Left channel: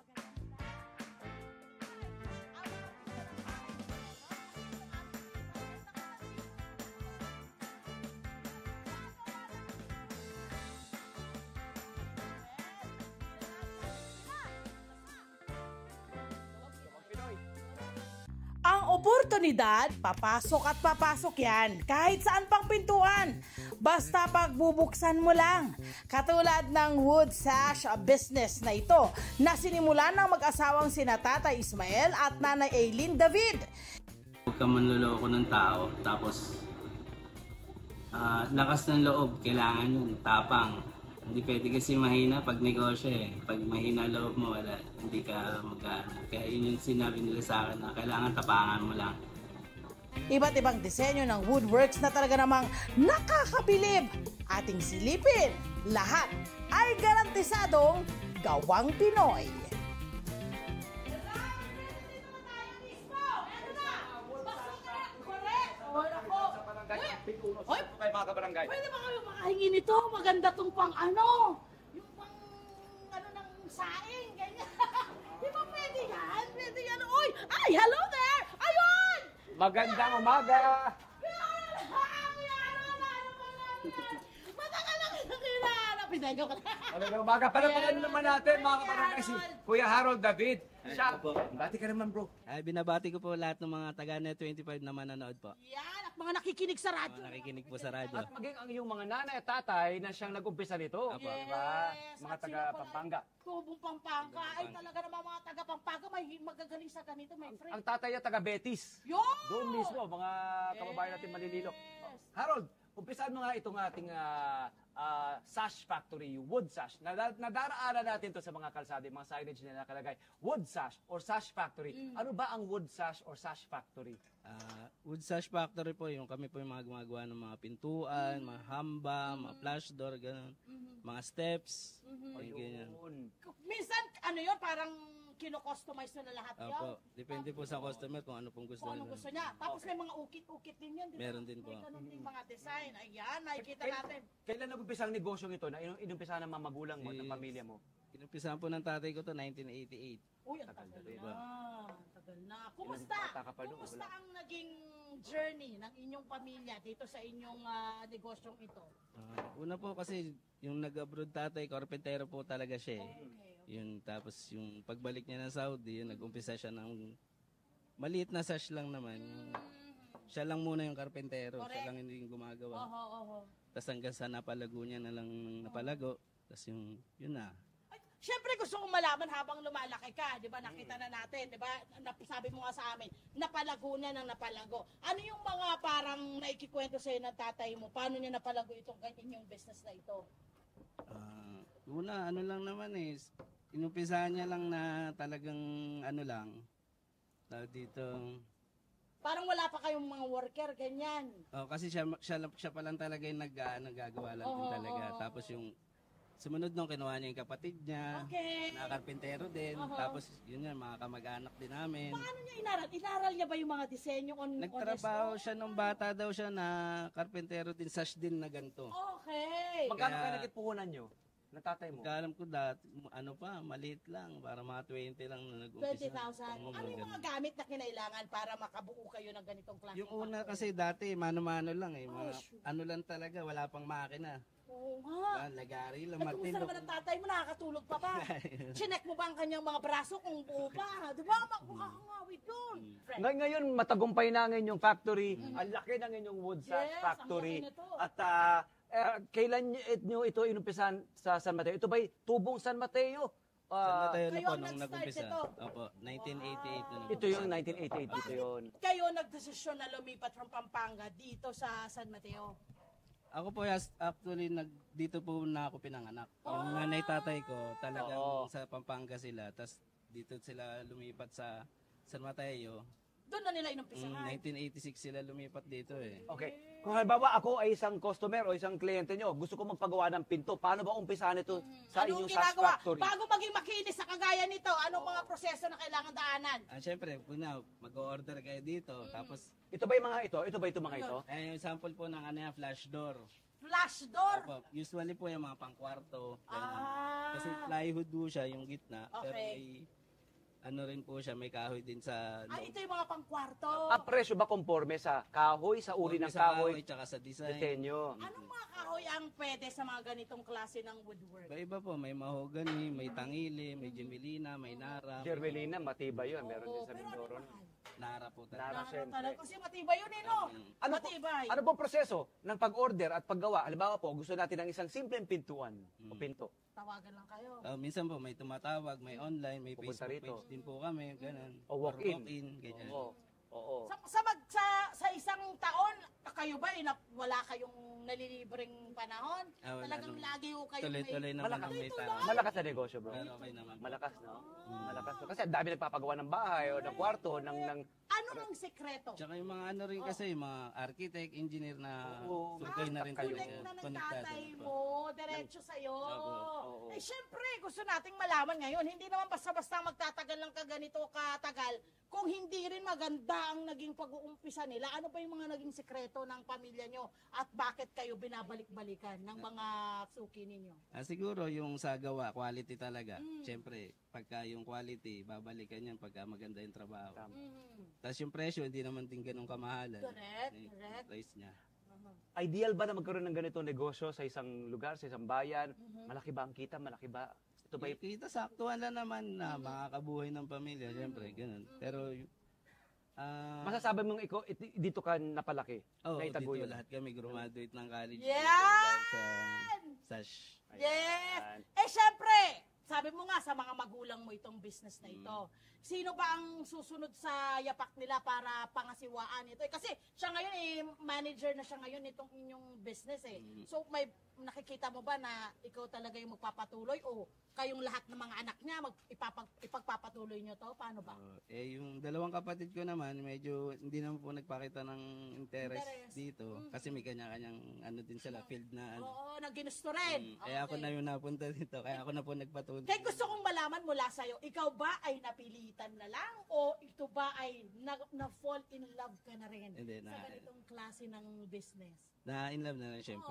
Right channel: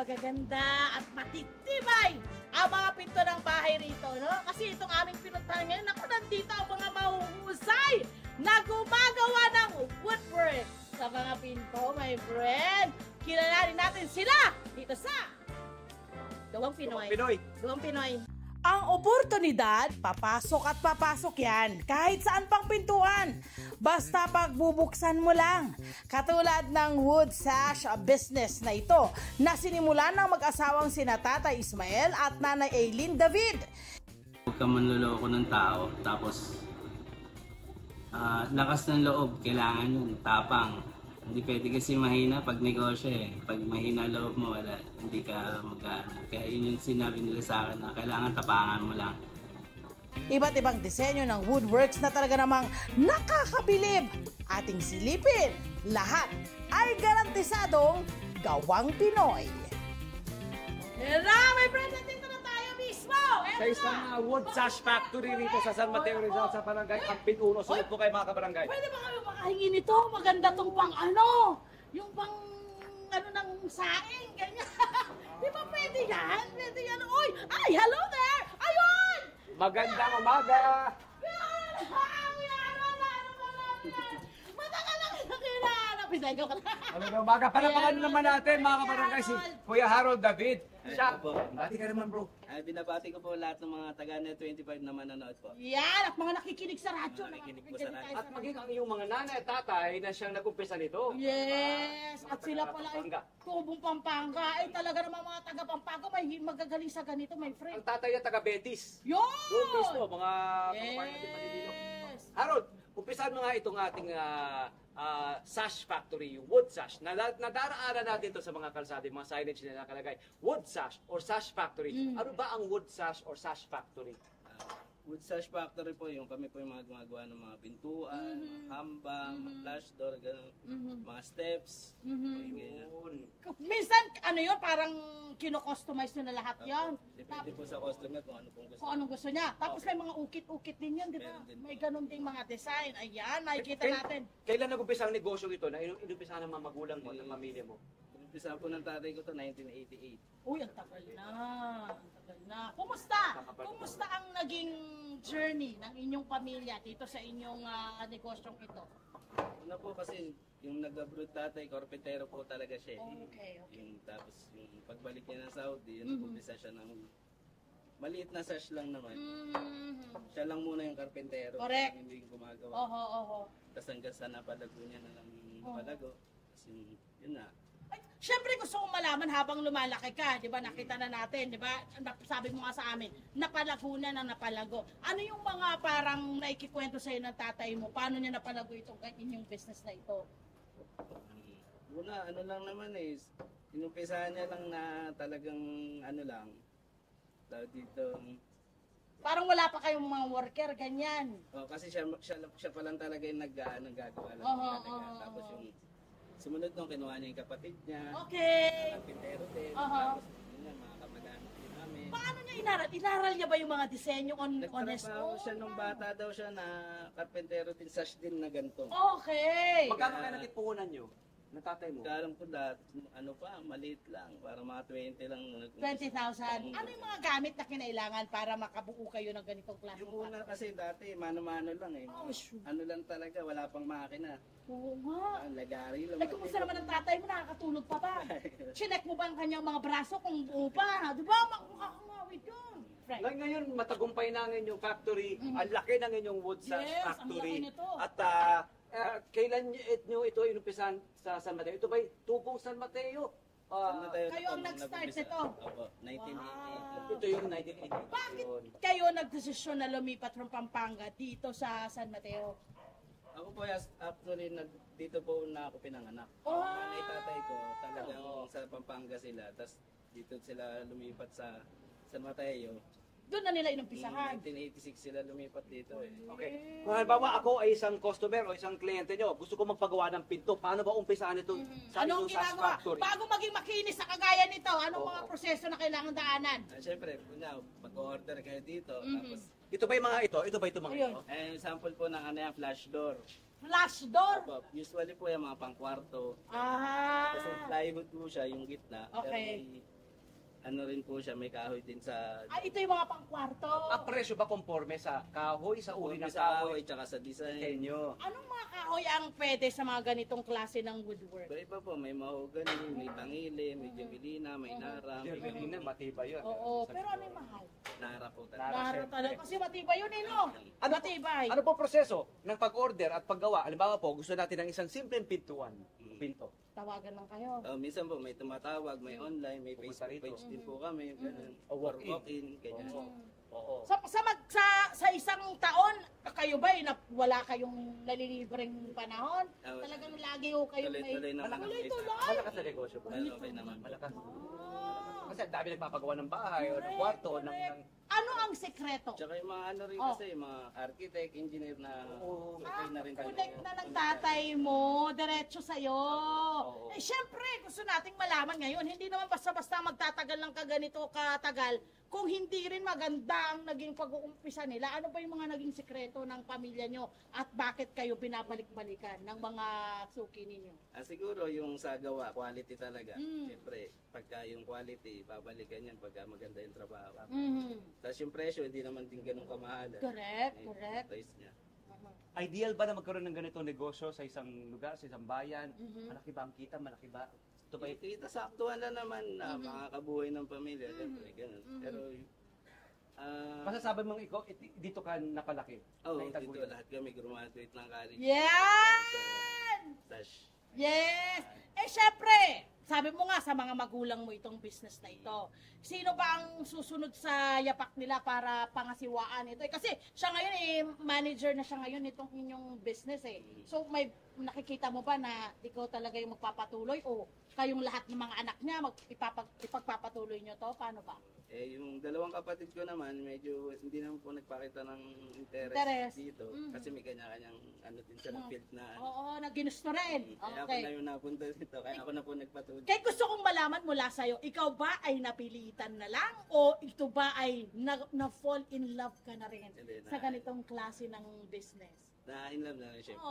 magaganda at matitibay ang mga pinto ng bahay rito, no? Kasi itong aming pinuntahan ngayon, naku, nandito ang mga mahuhusay na gumagawa ng woodwork sa mga pinto, my friend. Kilalanin natin sila dito sa Gawang Pinoy. Gawang Pinoy. Ang oportunidad, papasok at papasok yan, kahit saan pang pintuan. Basta pagbubuksan mo lang. Katulad ng wood sash business na ito, na sinimulan ng mag-asawang sina Tatay Ismael at Nanay Aileen David. Huwag ka manloloko ng tao, tapos lakas ng loob, kailangan yun, tapang. Hindi pwede kasi mahina pag negosyo eh. Pag mahina loob mo, wala, hindi ka mag-ano. Kaya yun yung sinabi nila sa akin na kailangan tapangan mo lang. Iba't ibang disenyo ng woodworks na talaga namang nakakabilib. Ating silipin, lahat ay garantisadong Gawang Pinoy. Hello, my friend! Nandito na tayo mismo! Sa isang wood sash factory rito sa San Mateo Rizal sa Barangay Pampinuno. Sunod po kayo mga kabarangay. Pwede ba kami makahingi nito? Maganda tong pang ano? Yung pang ano ng saing, ganyan. Di ba pwede yan? Pwede yan. Uy! Ay, hello there! Ayun! Magandang umaga! Matagal na kinakilala. Pinagaw ka na. Magandang umaga. Palapakan naman natin mga kabarangay si Kuya Harold David. Siya. Bati ka naman bro. Ay, binabati ko po lahat ng mga taga-Net 25 na manonood po. Yan, at mga nakikinig sa radyo. Nakikinig po sa radyo. At maging ang iyong mga nanay at tatay na siyang nag-umpisa nito. Yes, Mga at sila pala taga-Pampanga. ay tubong Pampanga. Ay talaga naman mga taga-Pampanga may magagaling sa ganito, my friend. Ang tatay at taga-Betis. Yun! Doon mismo, mga kababayan natin Manililok. Yes. Harold, umpisahan mo nga itong ating sash factory, yung wood sash. Nadaraanan natin to sa mga kalsada, yung mga signage na nakalagay. Wood sash or sash factory. Ano ba ang wood sash or sash factory? Wood sash factory po, yung kami po yung mga gumagawa ng mga pintuan, mga hamba, mga flash door, ganun, mga steps. O yung ganyan. Yun. Minsan, ano yun, parang kino-customize nyo na lahat yun. Depende po sa customer kung ano pong gusto. Kung anong gusto niya. Tapos may mga ukit-ukit din yun, di ba? Meron din po. May ganun ding mga design. Ayan, nakikita natin. Kailan nag-umpisa ang negosyo ito na inumpisa ng mga magulang mo, ng pamilya mo? Inumpisa po ng tatay ko to 1988. Uy, ang tagal na. Ang tagal na. Kumusta? Kumusta ang naging journey ng inyong pamilya dito sa inyong negosyong ito? Una po kasi yung nag-abroad tatay, karpentero po talaga siya eh. Okay. Yung, tapos yung pagbalik niya ng Saudi, nag-umpisa siya ng maliit na sash lang naman. Siya lang muna yung karpentero. Correct. Siya lang hindi yung gumagawa. Oho. Tapos hanggang sa napalago niya na lang napalago. Tapos yung, yun na. Siyempre gusto kong malaman habang lumalaki ka, di ba? Nakita na natin, di ba? Sabi mo nga sa amin, napalago na ng napalago. Ano yung mga parang naikikwento sa'yo ng tatay mo? Paano niya napalago itong inyong business na ito? Una, ano lang naman eh. Inumpisahan niya lang na talagang ano lang. Tawag dito. Parang wala pa kayong mga worker, ganyan. Kasi siya pa lang talaga yung naggagawa lang talaga. Tapos yung sumunod nung kinuha niya yung kapatid niya. Okay. Karpentero din. Tapos yun yan, mga kamag-anak din namin. Paano niya inaral? Inaral niya ba yung mga disenyo on Nagtrabaho siya nung bata daw siya na karpentero din, sash din na ganito. Okay. Magkano kayo nagkipuhunan nyo? Ng tatay mo? Alam ko lahat, ano pa, maliit lang, para mga 20 lang. 20,000. Ano yung mga gamit na kinailangan para makabuo kayo ng ganitong klase? Yung una kasi dati, mano-mano lang eh. Oh, shoot. Ano lang talaga, wala pang makina. Oo nga. Lagari lang. Ay, kumusta naman ang tatay mo? Nakakatulog pa ba? Chinek mo ba ang kanyang mga braso kung buo pa? Di ba? Makakangawit yun. Friend. Ngayon, matagumpay na ang inyong factory. Ang laki ng inyong wood sash Yes, factory. ang laki nito. At kailan nyo ito inumpisahan sa San Mateo? Ito ba'y tubong San Mateo? Kayo ang nag-start nito? Opo, 1988. Ito yung 1988. Ito Bakit yun. kayo nagdesisyon na lumipat from Pampanga dito sa San Mateo? Ako po, actually, dito po na ako pinanganak. Ang nanay tatay ko, talagang sa Pampanga sila. Tapos dito sila lumipat sa San Mateo. Doon na nila inumpisahan. 1986 sila lumipat dito eh. Okay. Kung halimbawa ako ay isang customer o isang kliyente nyo, gusto ko magpagawa ng pinto, paano ba umpisahan ito sa Anong inyong sash ginagawa? factory? Bago maging makinis sa kagaya nito, Anong mga proseso na kailangan daanan? Siyempre, una, mag-order kayo dito. Tapos, Ito ba yung mga ito? Ito ba itong mga ito? sample po ng ano yan, flash door. Flash door? Opo, usually po yung mga pangkwarto. Ah. Kasi plywood po siya, yung gitna. Pero Okay. may, ano rin po siya, may kahoy din sa... Ito yung mga pangkwarto. Ang presyo ba conforme sa kahoy, sa uri ng sa kahoy, tsaka sa design. disenyo? Anong mga kahoy ang pwede sa mga ganitong klase ng woodwork? Iba po, may mahogany, may tangili, may jumelina, may nara. Gervelina, matibay yun. Meron Oo, din sa pero ano Mindoro. yung mahal? Nara po Nara. talaga. Laro talaga. Kasi matibay yun eh, no? Ano po, Matibay. ano po proseso ng pag-order at paggawa? Halimbawa po, gusto natin ng isang simpleng pintuan o pinto. Tawagan lang kayo. Minsan po, may tumatawag, may online, may Pupunta Facebook rito. page din po kami, ganun. O Or walk-in. walk-in, ganyan. Oo. Oo. Sa isang taon, kayo ba wala kayong nalilibreng panahon? Talagang lagi ho kayo Tuloy-tuloy naman ang may Tuloy-tuloy. tao. Malakas na negosyo ba? Pero okay naman. Malakas, no? Malakas. Kasi ang dami nagpapagawa ng bahay o ng kwarto, ng Ano ang sekreto? Tsaka yung mga ano rin kasi, yung mga architect, engineer na okay na rin kami. Connect na ng tatay mo, diretso sa'yo. Oo. Syempre, gusto nating malaman ngayon, hindi naman basta-basta magtatagal ng kaganito katagal kung hindi rin maganda ang naging pag-uumpisa nila. Ano ba yung mga naging sekreto ng pamilya nyo at bakit kayo binabalik-balikan ng mga suki ninyo? Siguro yung sa gawa, quality talaga. Siyempre, pagka yung quality, babalikan yan pagka maganda yung trabaho. Tapos yung presyo, hindi naman din ganun kamahalan. Correct, Eh, correct. Price niya. ideal ba na magkaroon ng ganitong negosyo sa isang lugar, sa isang bayan? Malaki ba ang kita? Malaki ba? Ito ba yung Kita saktuhan lang naman na makakabuhay ng pamilya, siyempre, ganun. Pero, masasabi mong ikaw, dito ka napalaki? oh, Naitaguyod? dito lahat kami graduate ng college. Yan! Sa Sash. Yes! Syempre, sabi mo nga sa mga magulang mo itong business na ito. Sino ba ang susunod sa yapak nila para pangasiwaan ito? Kasi siya ngayon manager na siya ngayon itong inyong business eh. So may nakikita mo ba na ikaw talaga yung magpapatuloy o kayong lahat ng mga anak niya ipagpapatuloy nyo to? Paano ba? Yung dalawang kapatid ko naman, medyo hindi naman po nagpakita ng interest Interest. dito. Kasi may kanya-kanyang ano din sila, field na ano. Oo, naginusto rin. Kaya ako na yung napunta dito. Kaya ako na po nagpatuloy. Kaya gusto kong malaman mula sa'yo, ikaw ba ay napilitan na lang o ito ba ay na-fall in love ka na rin Hindi, sa ganitong klase ng business? Na in love na rin, syempre.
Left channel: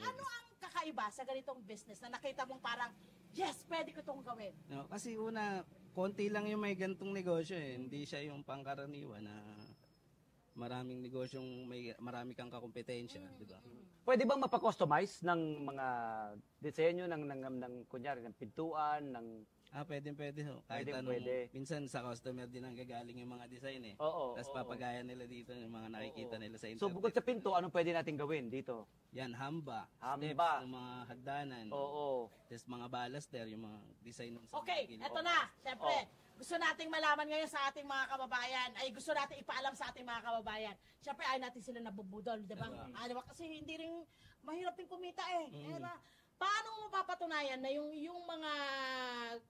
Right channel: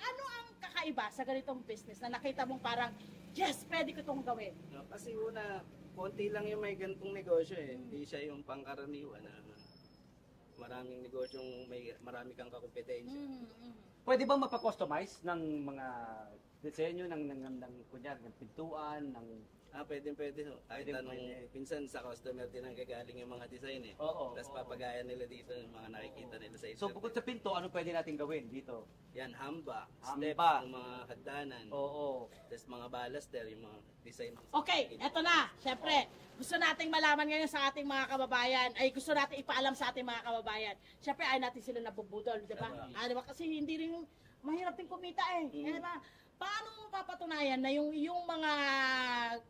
Ano ang kakaiba sa ganitong business na nakita mong parang, yes, pwede ko itong gawin? No, kasi una, konti lang yung may gantong negosyo eh. Hindi siya yung pangkaraniwan na maraming negosyong marami kang kakompetensya. Diba? Pwede bang mapakustomize ng mga disenyo ng kunyari, ng pintuan, ng... Pwede. Ho. Kahit Pwede, anong, pwede. minsan sa customer din ang gagaling yung mga design eh. Oo, Tapos oo. papagaya nila dito yung mga nakikita nila sa internet. So bukod sa pinto, ano pwede natin gawin dito? Yan, hamba, Hamba. steps, yung mga hagdanan. Oo. Tapos mga baluster, yung mga design ng Okay, eto na. Siyempre, gusto nating malaman ngayon sa ating mga kababayan, ay gusto nating ipaalam sa ating mga kababayan. Siyempre, ay natin sila nabubudol, di ba? Diba? Kasi hindi rin, mahirap din kumita eh. Kaya paano mo mapapatunayan na yung mga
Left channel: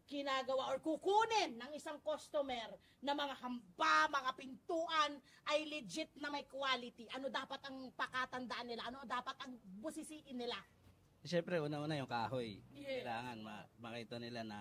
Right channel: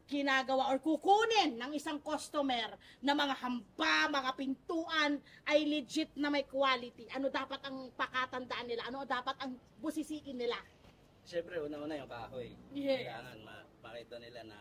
ginagawa or kukunin ng isang customer na mga hamba, mga pintuan ay legit na may quality? Ano dapat ang pakatandaan nila? Ano dapat ang busisiin nila? Siyempre, una-una yung kahoy. Yes. Kailangan makita nila na...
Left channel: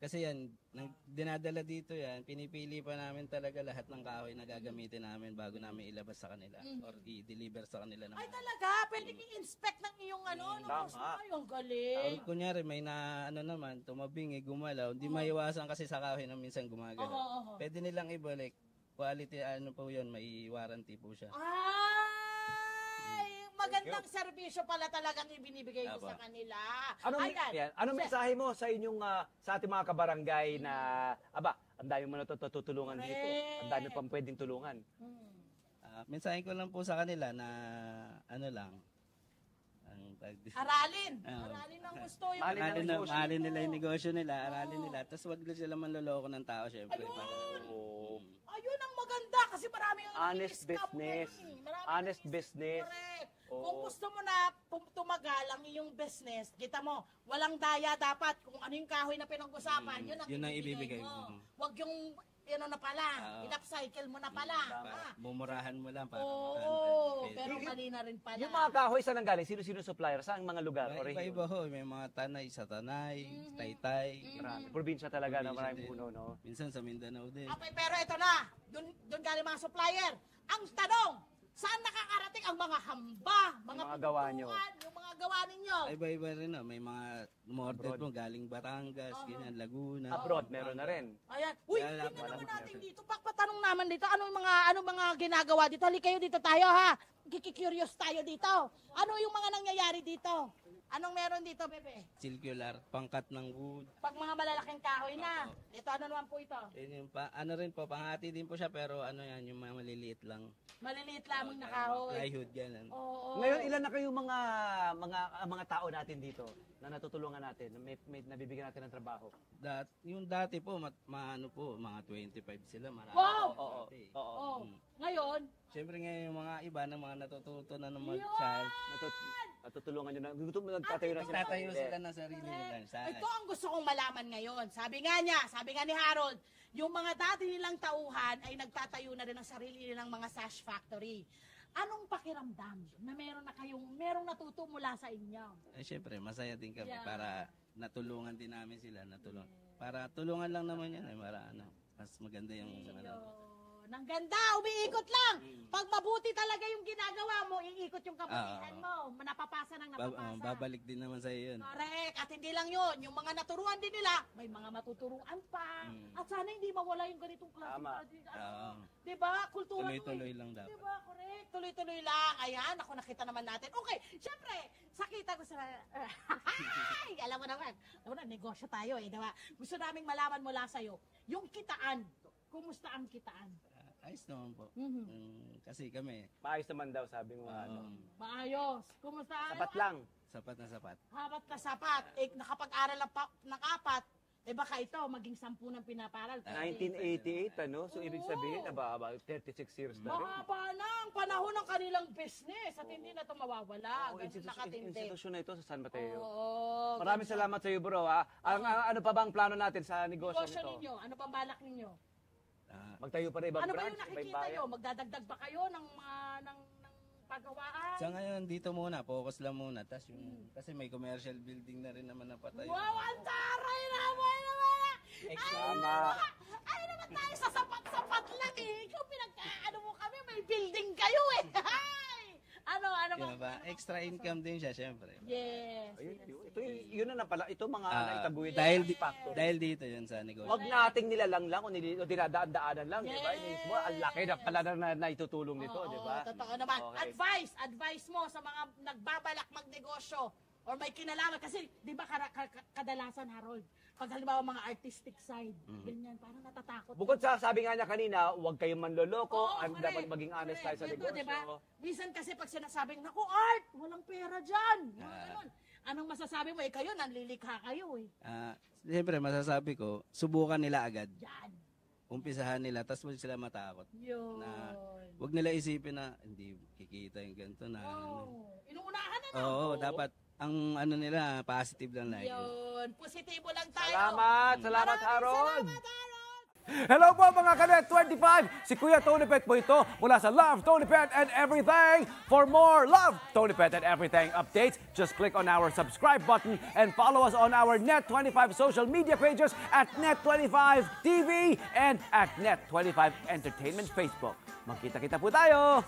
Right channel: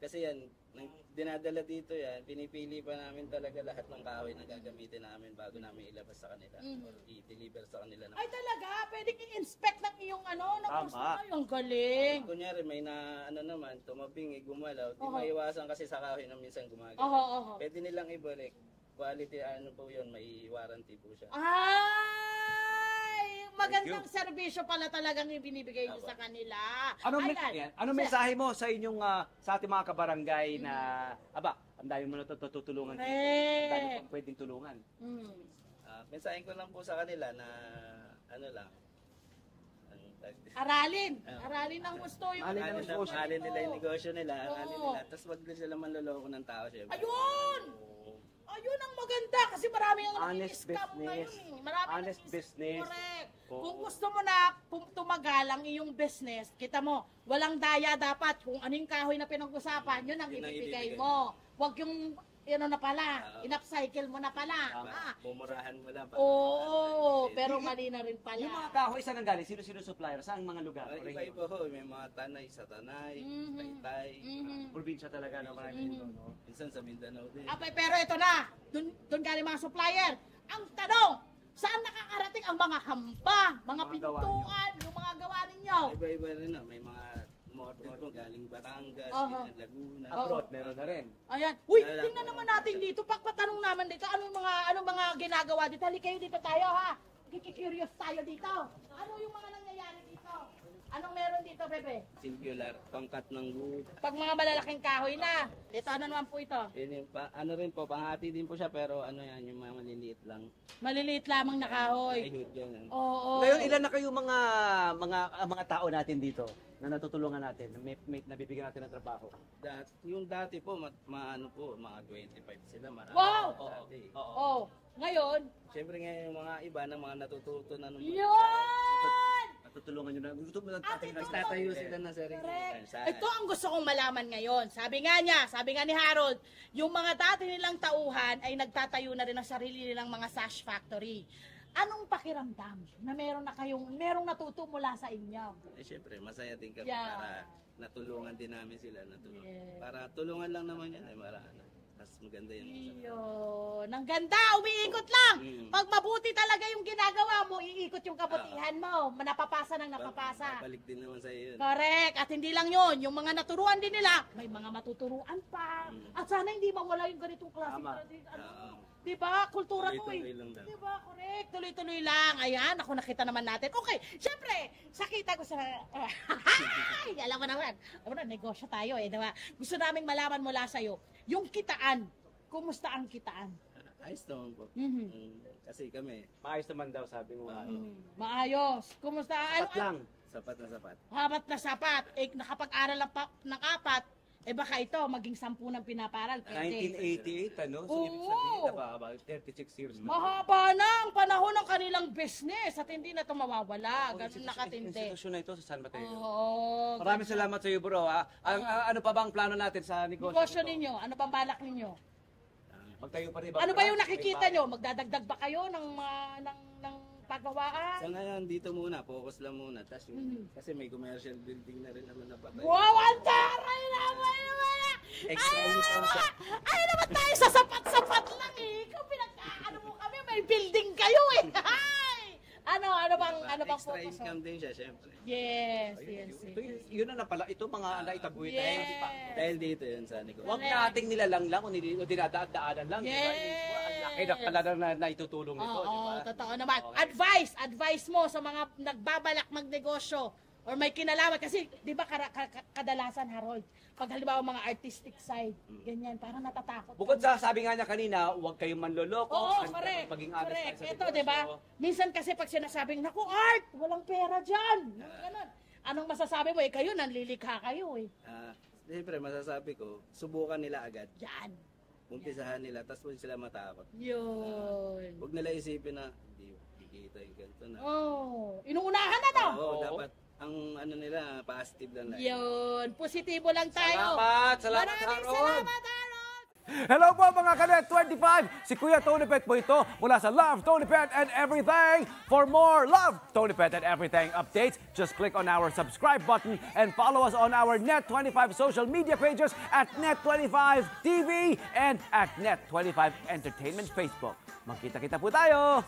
Kasi yan, nang dinadala dito yan, pinipili pa namin talaga lahat ng kahoy na gagamitin namin bago namin ilabas sa kanila or i-deliver sa kanila. Ay talaga, pwedeng i-inspect ng iyong ng Tama. customer. Yung galing. Kunyari, may na naman, tumabingi, gumalaw, di maiwasan kasi sa kahoy na minsan gumagalaw. Oo. Pwede nilang ibalik. Quality, po yun, may warranty po siya. Ay, magandang serbisyo pala talagang ibinibigay niyo sa kanila. Anong mensahe mo sa inyong sa ating mga kabarangay na ang dami mo natutulungan dito. Ang dami pang pwedeng tulungan. Mensahe ko lang po sa kanila na Aralin ang gusto yung Aralin nila yung negosyo nila, aralin nila. Tapos wag na sila manloloko ng tao, syempre. Ayun ang maganda kasi marami ang Honest scam business. ngayon. Marami Honest business. Correct. Oo. Kung gusto mo na tumagal ang iyong business, kita mo, walang daya dapat. Kung ano yung kahoy na pinag-usapan, yun ang Yun ang ibibigay ibibigay. mo. Wag yung na pala, in-upcycle mo na pala. Ah. Bumurahan mo lang. Oo, pero mali na rin pala. Yung mga kahoy, saan ang galing? Sino-sino supplier? Saan mga lugar? O region? Iba-iba ho, may mga tanay sa Tanay, Taytay. Probinsya talaga na maraming puno, no? Minsan sa Mindanao din. Okay, pero ito na, doon galing mga supplier. Ang tanong, saan nakakarating ang mga hamba, mga Mga gawa nyo. pintuan, yung mga gawa ninyo? Iba-iba rin na. May mga order mo galing Batangas, ganyan, Laguna. Abroad, meron na rin. Ayan. Uy, Wala, tingnan wala. naman natin dito. Patanong naman dito. Ano mga ginagawa dito? Halika kayo dito tayo ha. Kikikurious tayo dito. Ano yung mga nangyayari dito? Anong meron dito, Bebe? Circular, pangkat ng wood. Pag mga malalaking kahoy na. Dito, ano naman po ito? Yun yung ano rin po, panghati din po siya pero ano yan, yung mga maliliit lang. Maliliit lamang na kahoy. Plywood yan. Oo. Ngayon, ilan na kayo mga tao natin dito na natutulungan natin, na may nabibigyan natin ng trabaho? Yung dati po, ano po, mga 25 sila. Marami Wow! po dati. Oh. Ngayon, Siyempre ngayon yung mga iba na mga natututo na naman yun! Natutulungan nyo na. Gusto mo nagtatayo na sila. Tatayo sila ng sarili nila. Ito ang gusto kong malaman ngayon. Sabi nga ni Harold, yung mga dati nilang tauhan ay nagtatayo na rin ng sarili nilang mga sash factory. Anong pakiramdam na merong natuto mula sa inyo? Eh syempre, masaya din kami Yeah. para natulungan din namin sila. Yes. Para tulungan lang naman yan. Ay mas maganda yung Yun. Ang ganda, umiikot lang. Pag mabuti talaga yung ginagawa mo, iikot yung kabutihan mo. Napapasa ng napapasa. Babalik din naman sa iyo yun. Correct. At hindi lang yun. Yung mga naturuan din nila, may mga matuturuan pa. At sana hindi mawala yung ganitong klase. Tama. Diba? Kultura ko Tuloy-tuloy lang dapat. Diba? Correct. Tuloy-tuloy lang. Ayan, ako nakita naman natin. Okay, syempre, sakita ko sa... Alam mo naman. Alam mo na, negosyo tayo eh. Diba? Gusto naming malaman mula sa'yo. Yung kitaan. Kumusta ang kitaan? Ayos naman po. Kasi kami, Maayos naman daw, sabi mo. Maayos. Kumusta? Sapat lang. sapat na sapat. Habat na sapat. Eh, nakapag-aral ng 4, eh baka ito, maging 10 ng pinaparal. Pwede. 1988, ano? So, Oo. ibig sabihin, about 36 years na. Mahaba na ang panahon ng kanilang business at hindi na ito mawawala. Ganun nakatindi. Institusyon na ito sa San Mateo. Oo. Maraming salamat sa iyo, bro. Ha? Ano pa ba ang plano natin sa negosyo Negosyo nito? ninyo, ano bang balak ninyo? Magtayo pa rin ibang Ano ba yung branch? nakikita May nyo? Magdadagdag ba kayo ng pagawaan? Sa ngayon, dito muna, focus lang muna. Tas kasi may commercial building na rin naman na patay. Wow, ang taray naman! Extra Ay, income siya. ay naman tayo sa sapat-sapat lang eh. Ikaw pinagkaano mo kami, may building kayo eh. Ay! Ano bang, Diba? ano bang Extra focus mo? income din siya, syempre. Yes, Ayun, yes, ito, yes. yun na pala. Ito mga naitaguin. Dahil, Yes. dahil dito yun sa negosyo. Huwag nating nilalang lang o dinadaan-daanan lang. Diba? Yes. Mo, ang laki na pala na naitutulong nito. Oo, Diba? totoo naman. Okay. Advice mo sa mga nagbabalak magnegosyo or may kinalaman. Kasi, di ba kadalasan, Harold, pag halimbawa mga artistic side, ganyan, parang natatakot. Bukod sa sabi nga niya kanina, huwag kayong manloloko. Oo, at dapat maging honest tayo sa Ito, negosyo. di ba? Minsan kasi pag sinasabing, naku, art, walang pera dyan. Mga ganun. Anong masasabi mo? Kayo, nanlilikha kayo eh. Siyempre, masasabi ko, subukan nila agad. Yan. Umpisahan nila, tapos huwag sila matakot. Yun. Huwag nila isipin na, hindi kikita yung ganito na. Oh, inuunahan na no? Oo, dapat, ang ano nila, positive lang na. Yun. Positibo lang tayo. Salamat, Maraming Harold. salamat, Harold. Hello po mga Kanet 25! Si Kuya Tony Pet po ito mula sa Love, Tony Pet and Everything. For more Love, Tony Pet and Everything updates, just click on our subscribe button and follow us on our Net25 social media pages at Net25 TV and at Net25 Entertainment Facebook. Magkita-kita po tayo!